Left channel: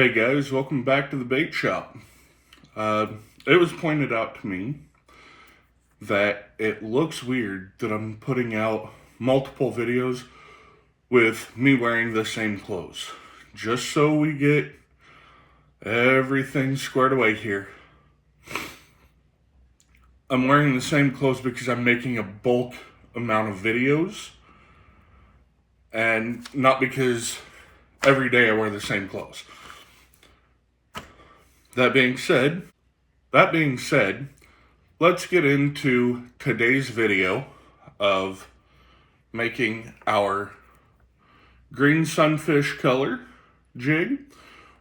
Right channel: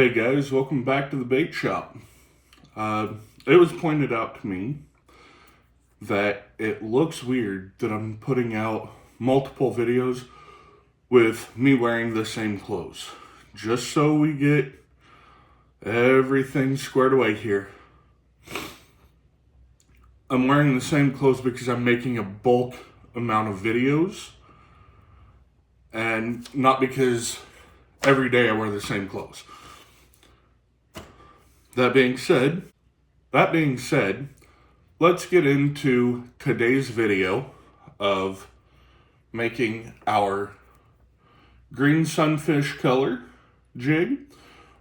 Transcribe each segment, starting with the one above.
Hey guys, welcome back to the bait shop. It was pointed out to me that it looks weird that I'm putting out multiple videos with me wearing the same clothes. Just so we get everything squared away here. I'm wearing the same clothes because I'm making a bulk amount of videos, and not because every day I wear the same clothes. That being said, let's get into today's video of making our green sunfish color jig.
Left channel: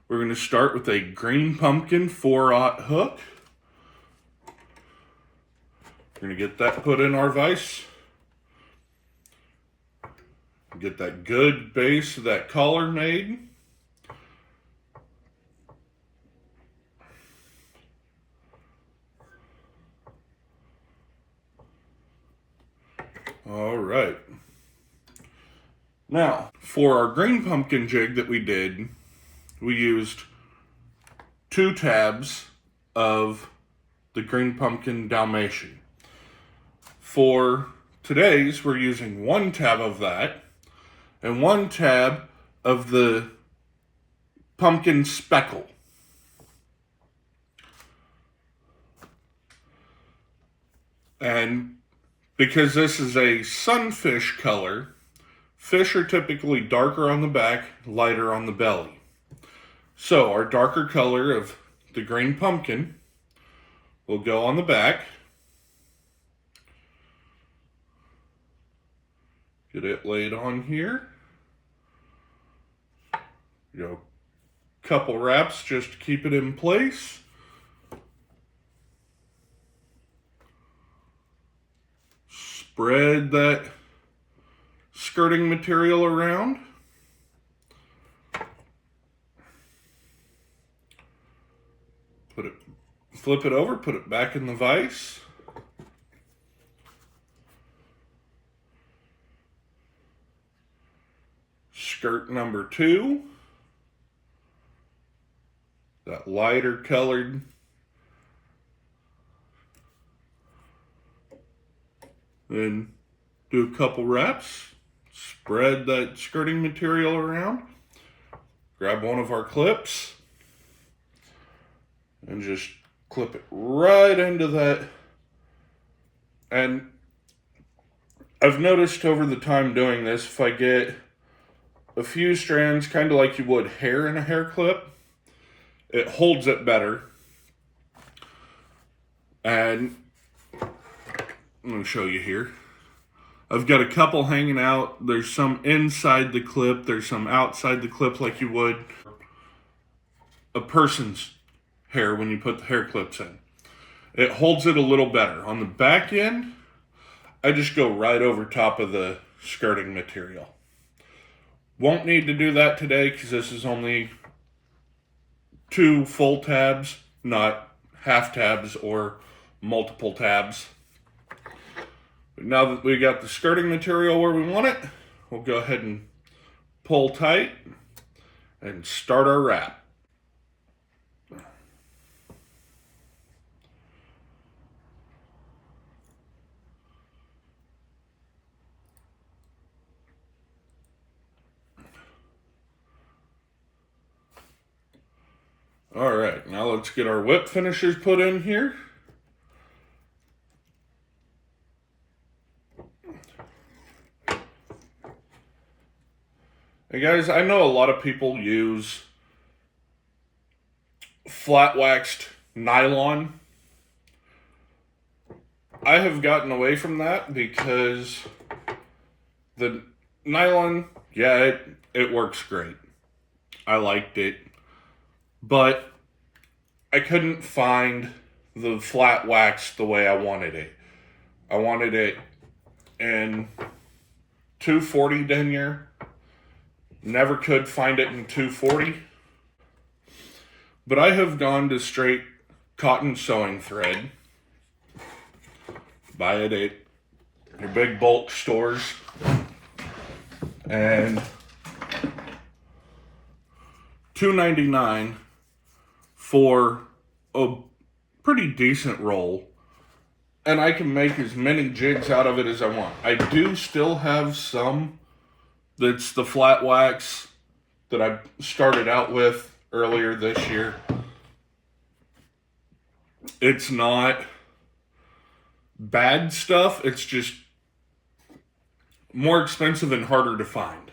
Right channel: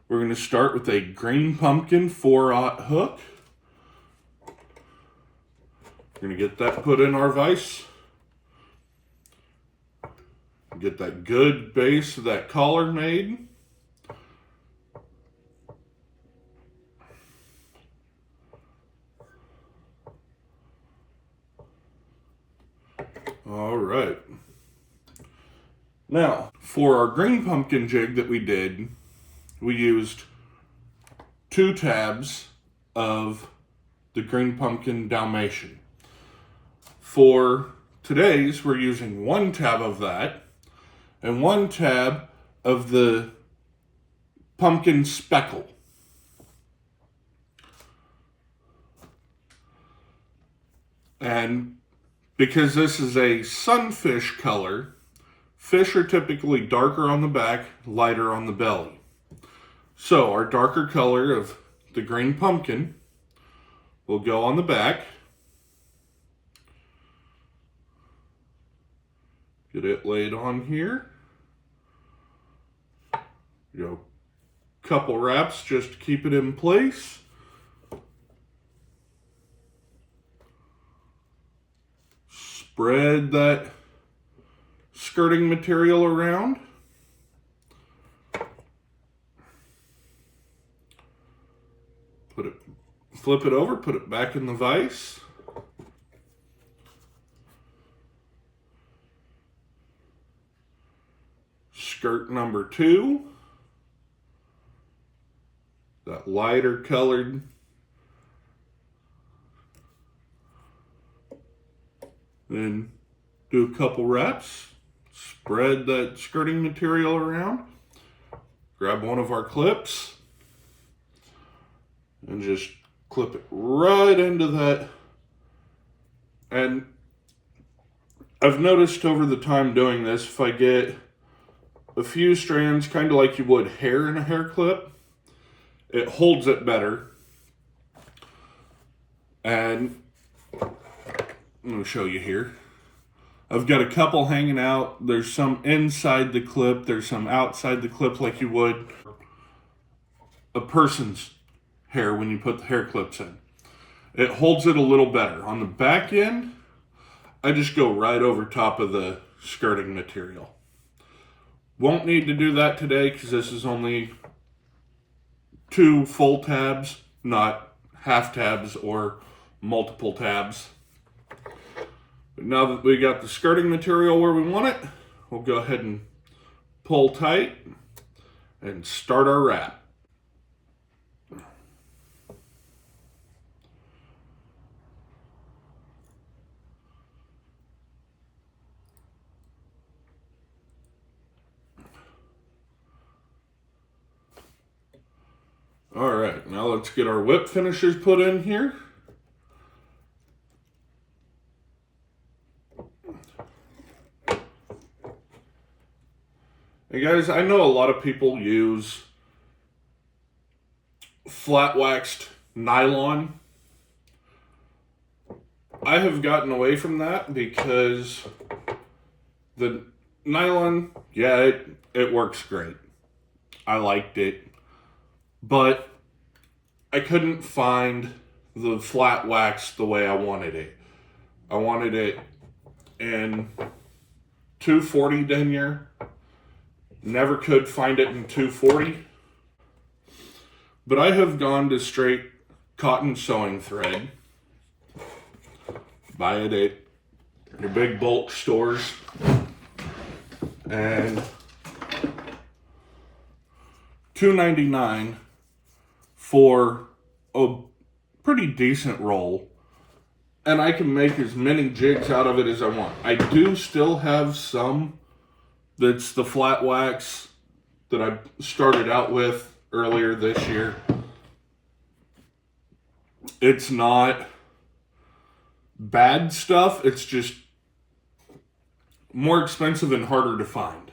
We're going to start with a green pumpkin 4/0 hook. We're going to get that put in our vise. Get that good base of that collar made. All right. Now, for our green pumpkin jig that we did, we used 2 tabs of the green pumpkin Dalmatian. For today's, we're using 1 tab of that and 1 tab of the pumpkin speckle. And because this is a sunfish color, fish are typically darker on the back, lighter on the belly. So our darker color of the green pumpkin will go on the back. Get it laid on here. Couple wraps just to keep it in place. Spread that skirting material around. Flip it over, put it back in the vise. Skirt number 2. That lighter colored. Then do a couple wraps. Spread that skirting material around. Grab one of our clips and just clip it right into that. And I've noticed over the time doing this, if I get a few strands, kind of like you would hair in a hair clip, it holds it better. And I'm going to show you here. I've got a couple hanging out. There's some inside the clip. There's some outside the clip like you would a person's hair when you put the hair clips in. It holds it a little better. On the back end, I just go right over top of the skirting material. Won't need to do that today because this is only 2 full tabs, not half tabs or multiple tabs. But now that we got the skirting material where we want it, we'll go ahead and pull tight and start our wrap. All right, now let's get our whip finishers put in here. Hey guys, I know a lot of people use flat waxed nylon. I have gotten away from that because the nylon, yeah, it works great. I liked it. But I couldn't find the flat wax the way I wanted it. I wanted it in 240 denier. Never could find it in 240. But I have gone to straight cotton sewing thread. Buy it at your big bulk stores. And $2.99 for a pretty decent roll. And I can make as many jigs out of it as I want. I do still have some that's the flat wax that I started out with earlier this year. It's not bad stuff, it's just more expensive and harder to find.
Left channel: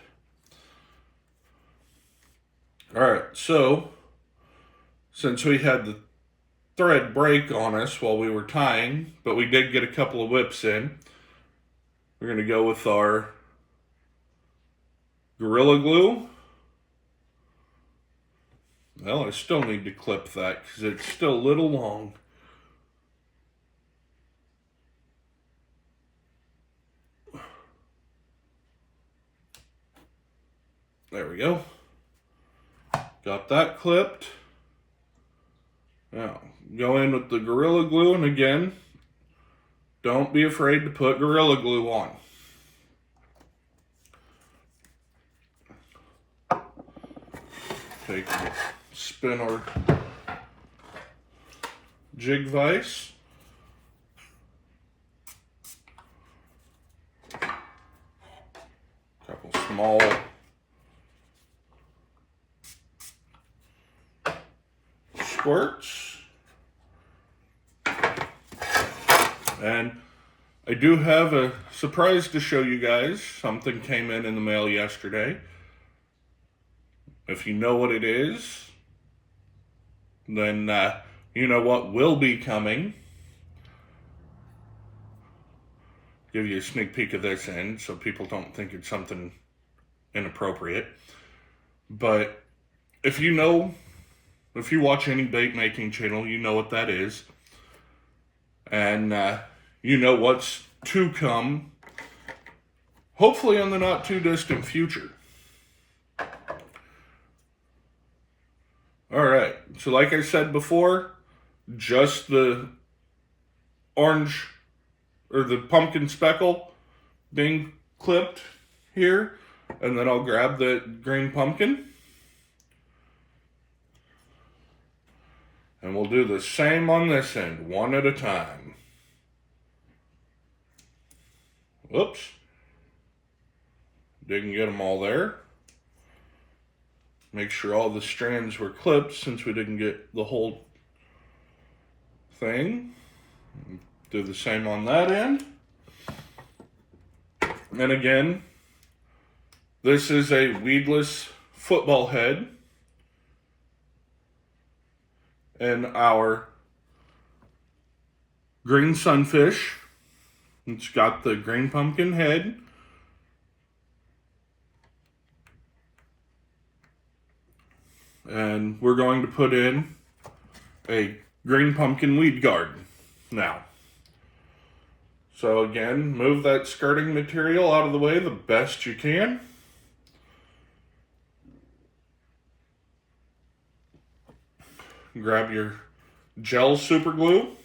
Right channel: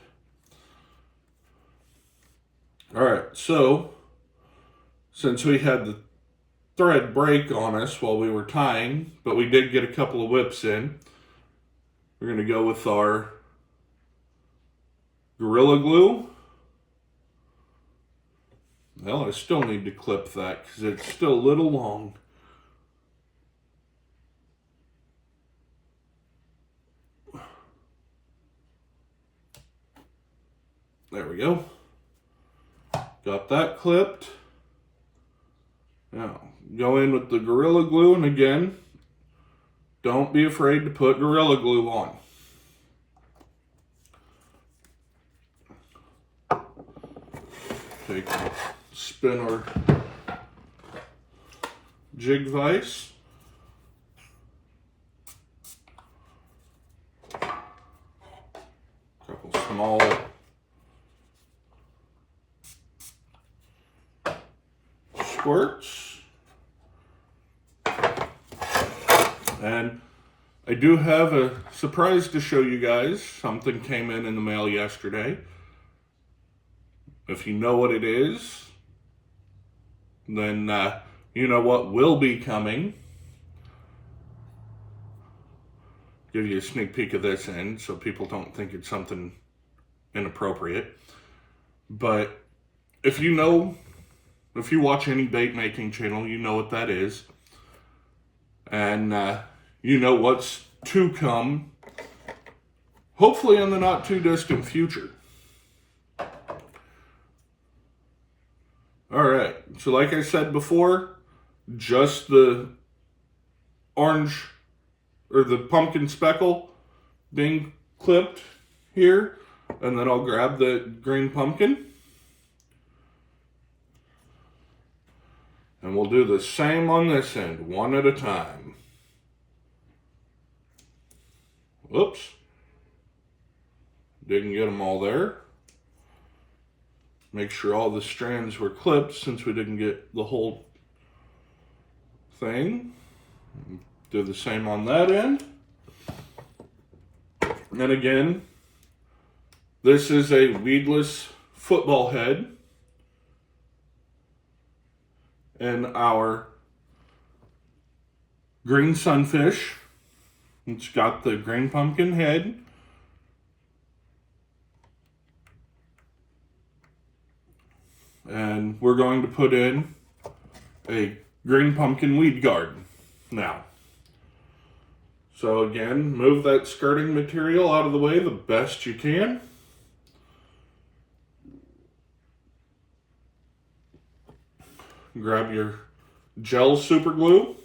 Alright, so since we had the thread break on us while we were tying, but we did get a couple of whips in, we're going to go with our Gorilla Glue. Well, I still need to clip that because it's still a little long. There we go. Got that clipped. Now, go in with the Gorilla Glue, and again, don't be afraid to put Gorilla Glue on. Take a spin our jig vise. Couple small squirts. And I do have a surprise to show you guys. Something came in the mail yesterday. If you know what it is, then you know what will be coming. Give you a sneak peek of this end so people don't think it's something inappropriate. But if you watch any bait making channel, you know what that is. And you know what's to come, hopefully in the not too distant future. Alright, so like I said before, just the orange, or the pumpkin speckle being clipped here, and then I'll grab the green pumpkin. And we'll do the same on this end, one at a time. Whoops. Didn't get them all there. Make sure all the strands were clipped since we didn't get the whole thing. Do the same on that end. And again, this is a weedless football head. And our green sunfish. It's got the green pumpkin head. And we're going to put in a green pumpkin weed guard now. So again, move that skirting material out of the way the best you can. Grab your gel super glue.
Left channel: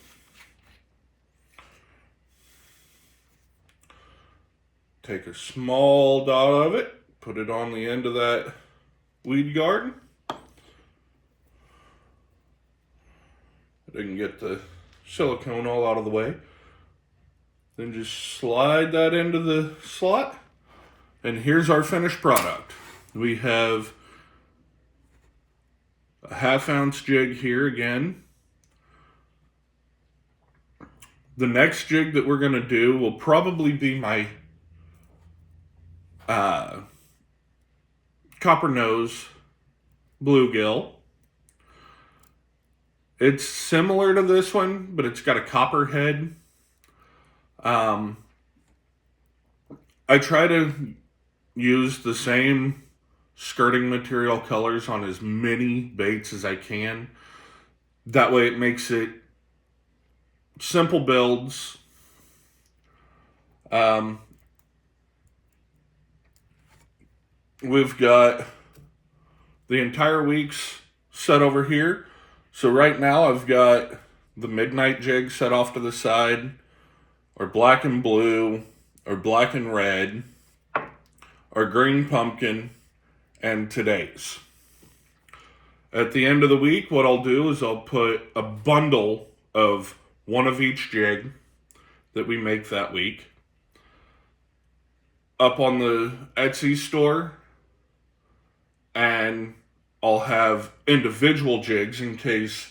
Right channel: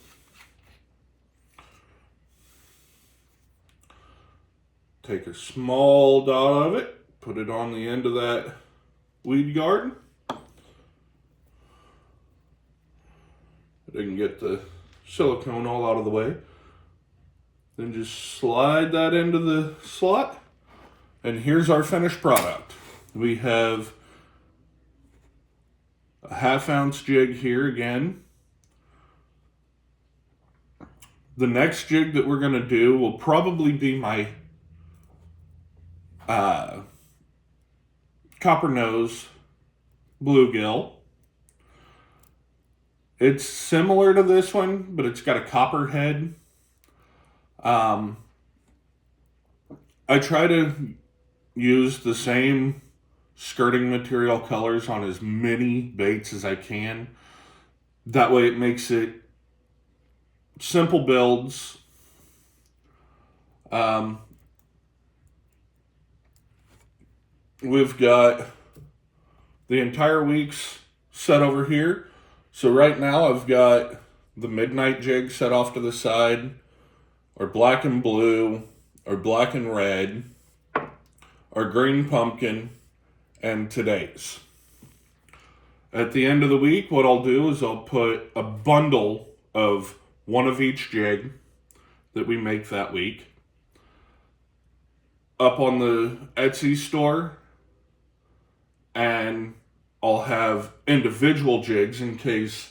Take a small dot of it, put it on the end of that weed guard. I can get the silicone all out of the way. Then just slide that into the slot. And here's our finished product. We have a 1/2 ounce jig here again. The next jig that we're going to do will probably be my copper nose bluegill. It's similar to this one, but it's got a copper head. I try to use the same skirting material colors on as many baits as I can. That way it makes it simple builds. We've got the entire week's set over here. So right now I've got the midnight jig set off to the side, our black and blue, our black and red, our green pumpkin, and today's. At the end of the week, what I'll do is I'll put a bundle of one of each jig that we make that week up on the Etsy store, and I'll have individual jigs in case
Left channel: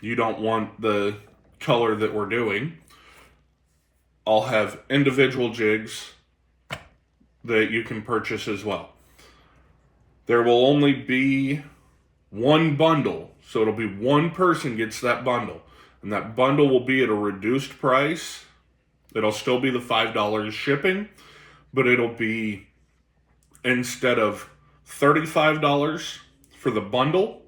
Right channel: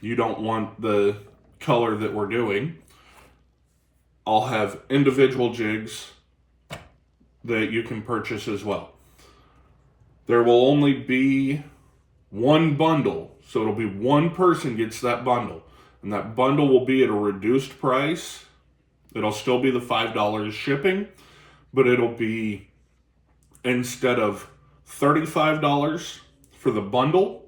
you don't want the color that we're doing. I'll have individual jigs that you can purchase as well. There will only be one bundle, so it'll be one person gets that bundle, and that bundle will be at a reduced price. It'll still be the $5 shipping, but it'll be, instead of $35 for the bundle,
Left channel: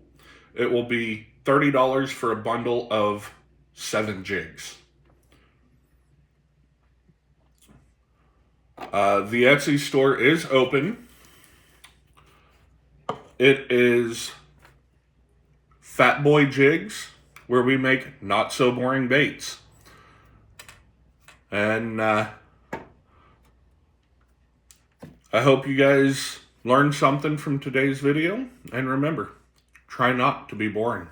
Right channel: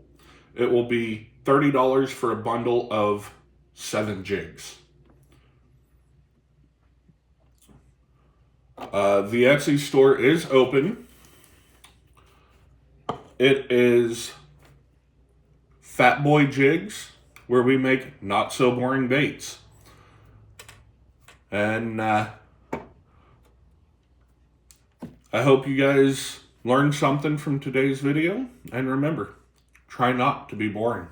it will be $30 for a bundle of 7 jigs. The Etsy store is open. It is Fat Boy Jigs, where we make not so boring baits. And I hope you guys learned something from today's video. And remember, try not to be boring.